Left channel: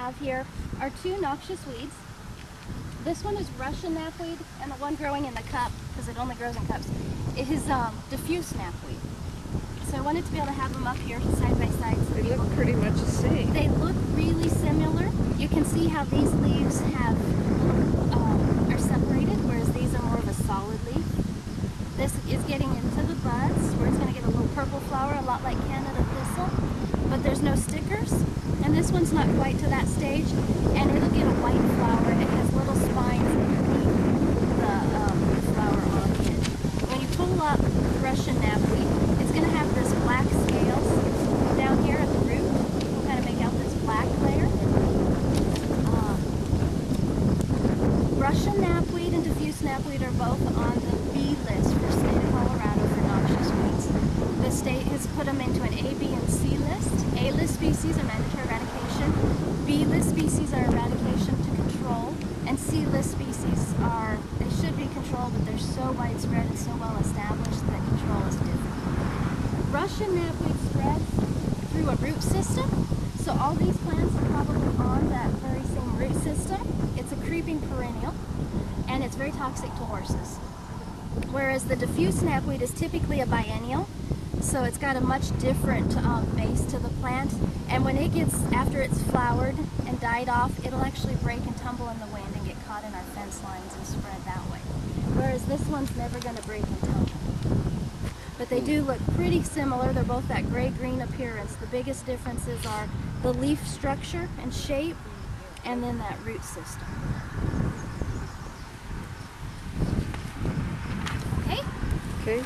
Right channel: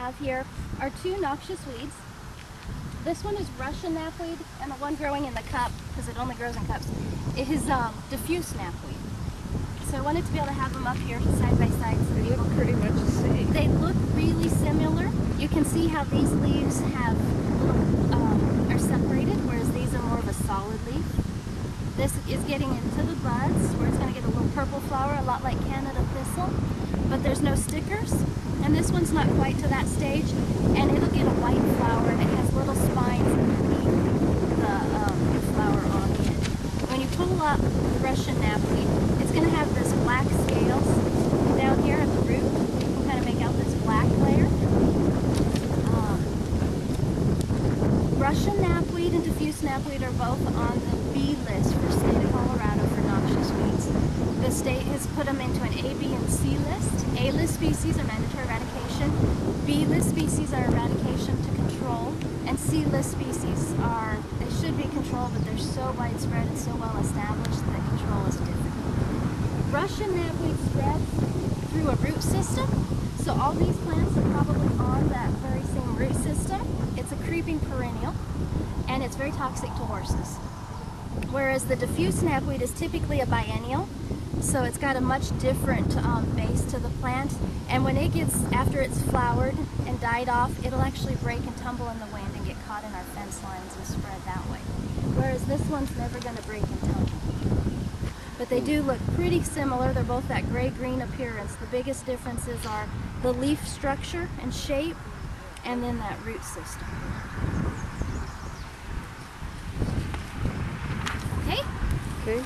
have here are two noxious weeds. This one is Russian knapweed, and the one growing in the cup, because it only grows in cups, is diffuse knapweed. So I wanted to be able to have them up here side by side. So they look pretty much the same. They look really similar. You can see how these leaves have little are separated, whereas these are more of a solid leaf. This is getting into the buds, where it's going to get a little purple flower, a lot like Canada thistle, but there's no stickers. And this one's not quite to that stage, and it'll get a white flower, and it has little spines underneath the flower on it. When you pull up Russian knapweed, it's going to have this black scales down here at the root. It'll kind of make out this black layer. Russian knapweed and diffuse knapweed are both on the B list for state of Colorado for noxious weeds. The state has put them into an A, B, and C list. A list species are mandatory eradication. B list species are eradication to control. And C list species are, they should be controlled, but they're so widespread and so well established that control is difficult. Russian knapweed spreads through a root system. So all these plants are probably on that very same root system. It's a creeping perennial, and it's very toxic to horses. Whereas the diffuse knapweed is typically a biennial, so it's got a much different base to the plant. And when it gets, after it's flowered and died off, it'll actually break and tumble in the wind and get caught in our fence lines and spread that way. Whereas this one's never going to break and tumble. But they do look pretty similar. They're both that gray-green appearance. The biggest differences are the leaf structure and shape, and then that root system. Okay? Okay.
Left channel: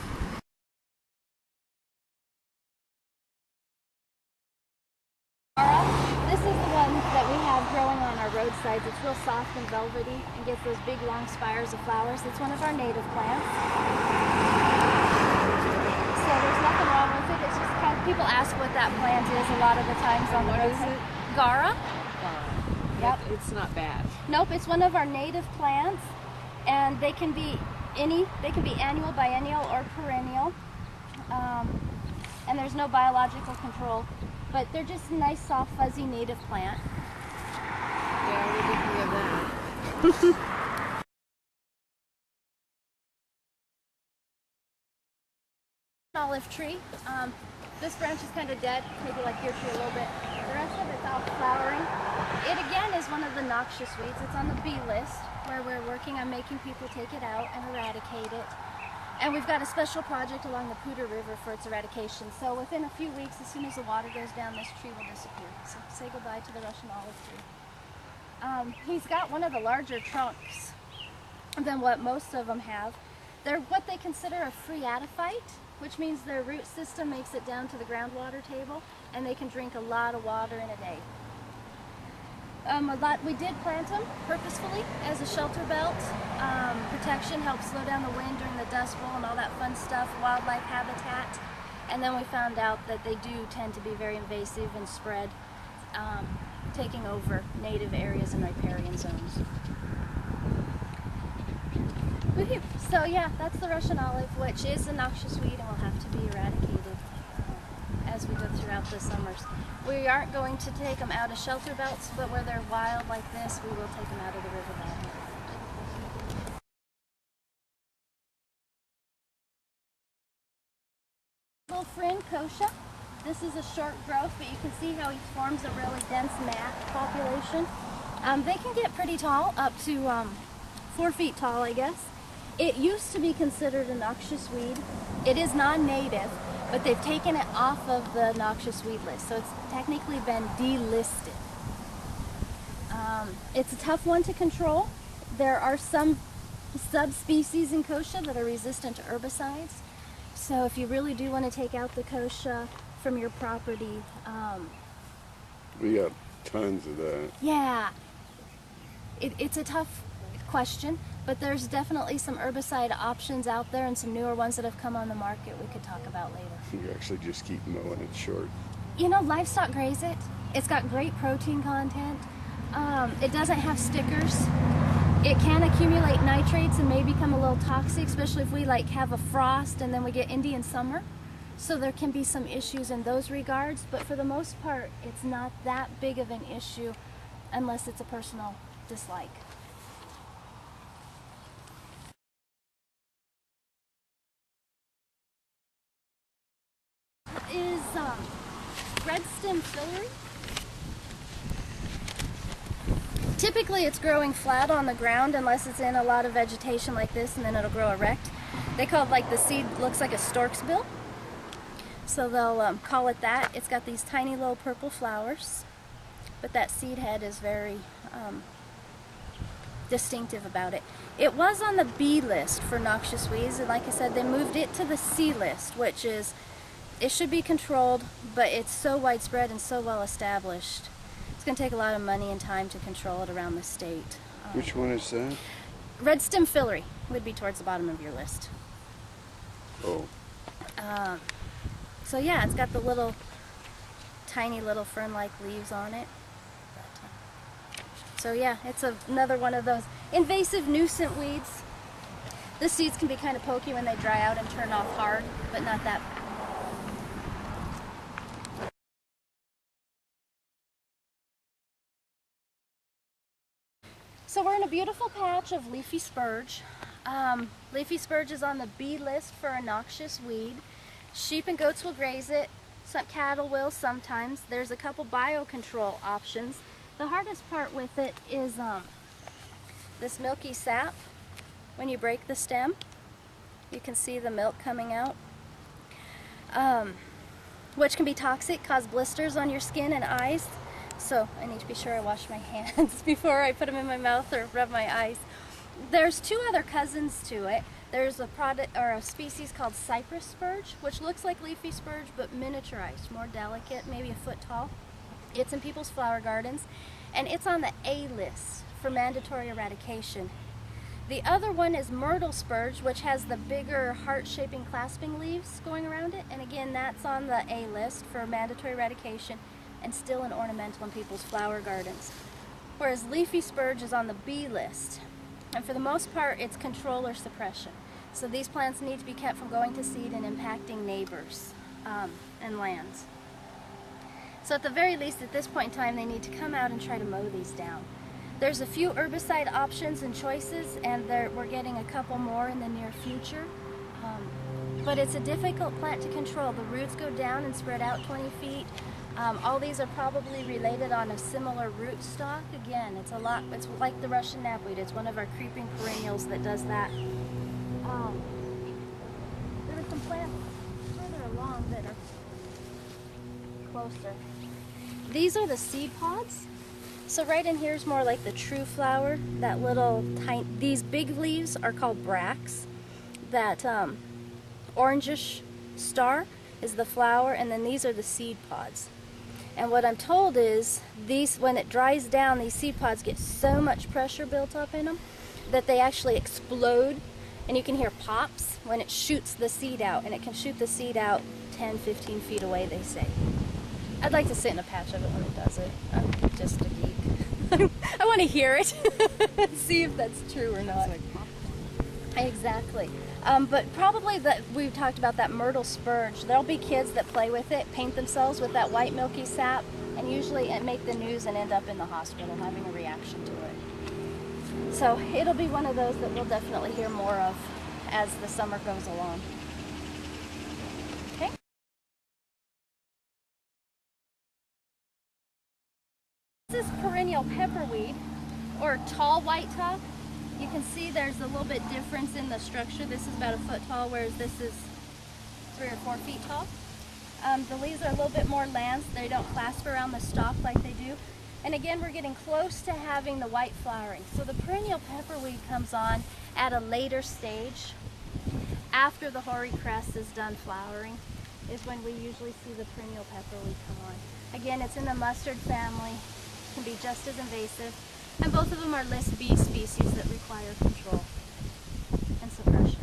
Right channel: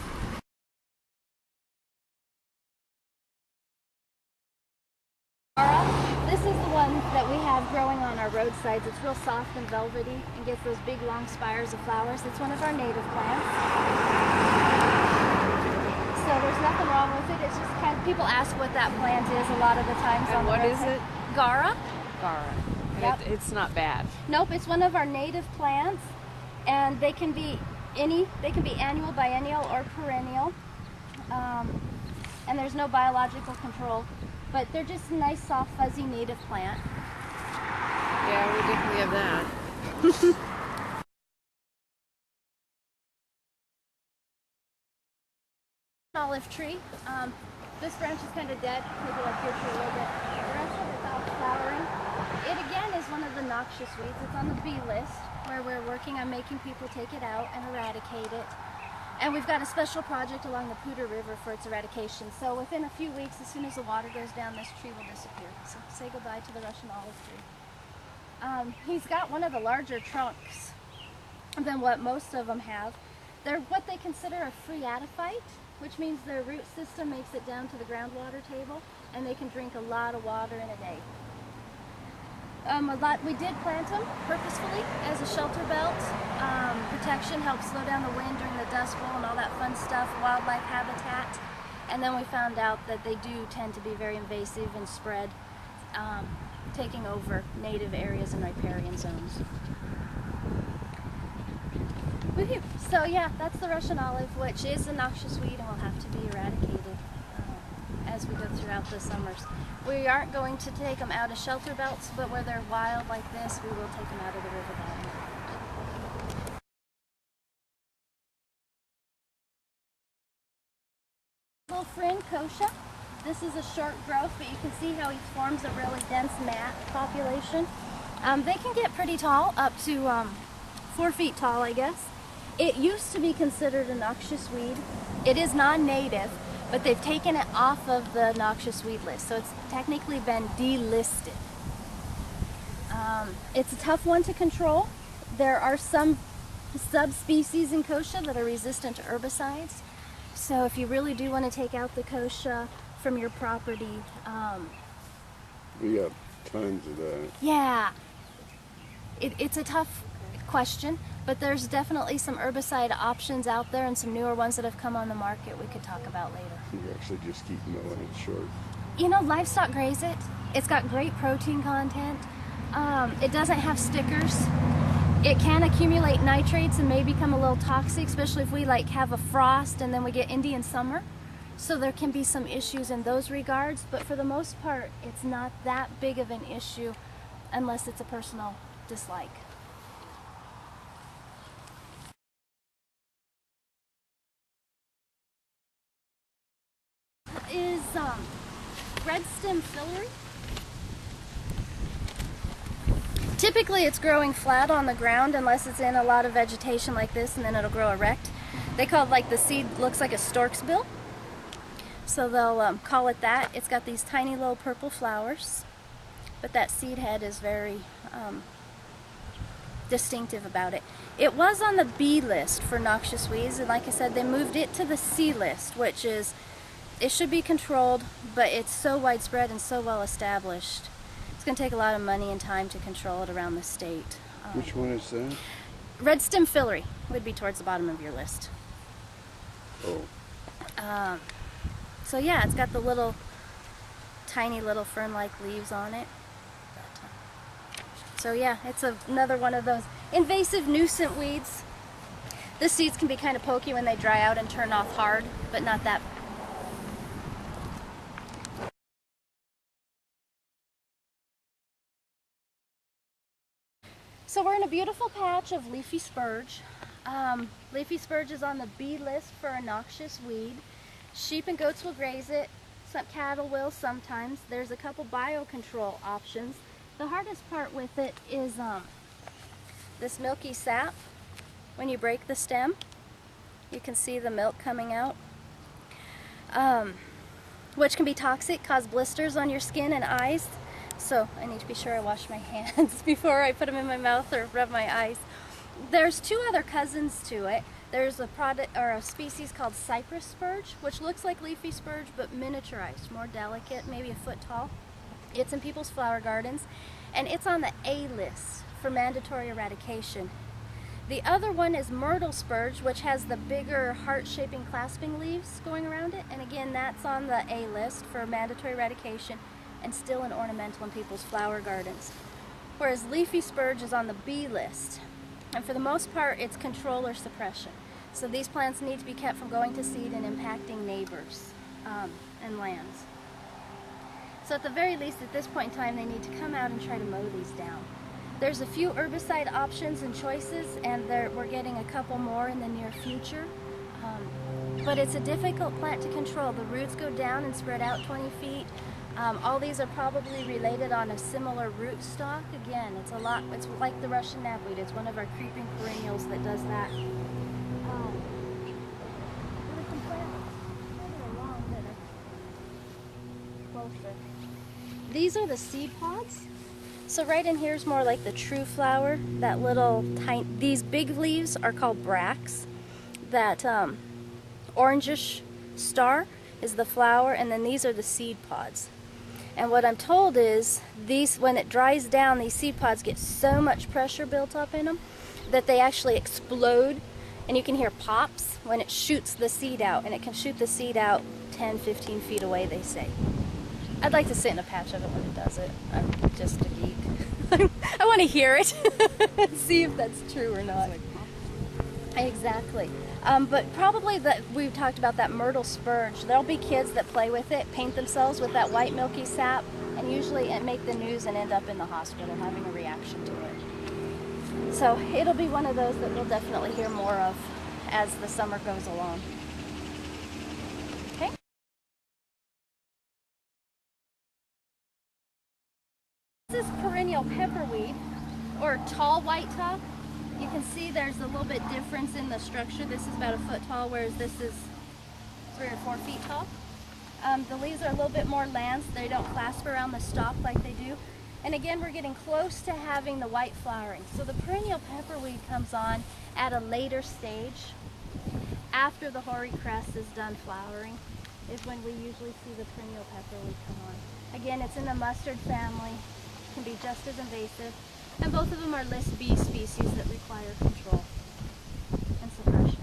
This is the one that we have growing on our roadsides. It's real soft and velvety and gets those big long spires of flowers. It's one of our native plants. So there's nothing wrong with it. It's just kind of, people ask what that plant is a lot of the times on the roadside. What is it? Gara. Gara. Yep. It's not bad. Nope, it's one of our native plants, and they can be annual, biennial, or perennial. And there's no biological control, but they're just a nice, soft, fuzzy native plant. Yeah, we definitely have that. Olive tree. This branch is kind of dead, maybe like your tree a little bit. The rest of it's out flowering. It again is one of the noxious weeds. It's on the B list, where we're working on making people take it out and eradicate it. And we've got a special project along the Poudre River for its eradication. So within a few weeks, as soon as the water goes down, this tree will disappear. So say goodbye to the Russian olive tree. He's got one of the larger trunks than what most of them have. They're what they consider a phreatophyte, which means their root system makes it down to the groundwater table, and they can drink a lot of water in a day. We did plant them purposefully as a shelter belt. Protection helps slow down the wind during the Dust Bowl and all that fun stuff, wildlife habitat. And then we found out that they do tend to be very invasive and spread, taking over native areas and riparian zones. Woohoo! So yeah, that's the Russian olive, which is a noxious weed and will have to be eradicated as we go throughout the summers. We aren't going to take them out of shelter belts, but where they're wild like this, we will take them out of the river bottom. Little friend kochia. This is a short growth, but you can see how he forms a really dense mat population. They can get pretty tall, up to 4 feet tall, I guess. It used to be considered a noxious weed. It is non-native, but they've taken it off of the noxious weed list, so it's technically been delisted. It's a tough one to control. There are some subspecies in kochia that are resistant to herbicides, so if you really do want to take out the kochia from your property, we got tons of that. Yeah, it's a tough question, but there's definitely some herbicide options out there and some newer ones that have come on the market we could talk about later. You actually just keep mowing it short. You know, livestock graze it. It's got great protein content. It doesn't have stickers. It can accumulate nitrates and may become a little toxic, especially if we like have a frost and then we get Indian summer. So there can be some issues in those regards, but for the most part, it's not that big of an issue unless it's a personal dislike. Is red stem fillery. Typically it's growing flat on the ground unless it's in a lot of vegetation like this, and then it'll grow erect. They call it, like, the seed looks like a stork's bill, so they'll call it that. It's got these tiny little purple flowers, but that seed head is very distinctive about it. It was on the B list for noxious weeds, and like I said, they moved it to the C list, which is, it should be controlled, but it's so widespread and so well established. It's going to take a lot of money and time to control it around the state. Which one is that? Red stem fillery would be towards the bottom of your list. Oh. So yeah, it's got the little, tiny little fern-like leaves on it. So yeah, it's another one of those invasive nuisance weeds. The seeds can be kind of pokey when they dry out and turn off hard, but not that. So we're in a beautiful patch of leafy spurge. Leafy spurge is on the B list for a noxious weed. Sheep and goats will graze it. Some cattle will sometimes. There's a couple biocontrol options. The hardest part with it is this milky sap. When you break the stem, you can see the milk coming out, which can be toxic, cause blisters on your skin and eyes. So I need to be sure I wash my hands before I put them in my mouth or rub my eyes. There's two other cousins to it. There's a product or a species called cypress spurge, which looks like leafy spurge but miniaturized, more delicate, maybe a foot tall. It's in people's flower gardens, and it's on the A list for mandatory eradication. The other one is myrtle spurge, which has the bigger heart-shaping clasping leaves going around it, and again, that's on the A list for mandatory eradication and still an ornamental in people's flower gardens. Whereas leafy spurge is on the B list, and for the most part, it's control or suppression. So these plants need to be kept from going to seed and impacting neighbors and lands. So at the very least, at this point in time, they need to come out and try to mow these down. There's a few herbicide options and choices, and we're getting a couple more in the near future. But it's a difficult plant to control. The roots go down and spread out 20 feet. All these are probably related on a similar rootstock. Again, it's like the Russian knapweed. It's one of our creeping perennials that does that. There are some plants further along that are closer. These are the seed pods. So right in here is more like the true flower. That little tiny, these big leaves are called bracts. That orangish star is the flower, and then these are the seed pods. And what I'm told is these, when it dries down, these seed pods get so much pressure built up in them that they actually explode, and you can hear pops when it shoots the seed out, and it can shoot the seed out 10, 15 feet away, they say. I'd like to sit in a patch of it when it does it. I'm just a geek. I want to hear it and see if that's true or not. Exactly. But probably we've talked about that myrtle spurge. There'll be kids that play with it, paint themselves with that white milky sap, and usually make the news and end up in the hospital having a reaction to it. So it'll be one of those that we'll definitely hear more of as the summer goes along. Okay. This is perennial pepperweed, or tall white top. You can see there's a little bit difference in the structure. This is about a foot tall, whereas this is 3 or 4 feet tall. The leaves are a little bit more lanced. They don't clasp around the stalk like they do. And again, we're getting close to having the white flowering. So the perennial pepperweed comes on at a later stage. After the hoary cress is done flowering is when we usually see the perennial pepperweed come on. Again, it's in the mustard family. It can be just as invasive. And both of them are list B species that require control and suppression.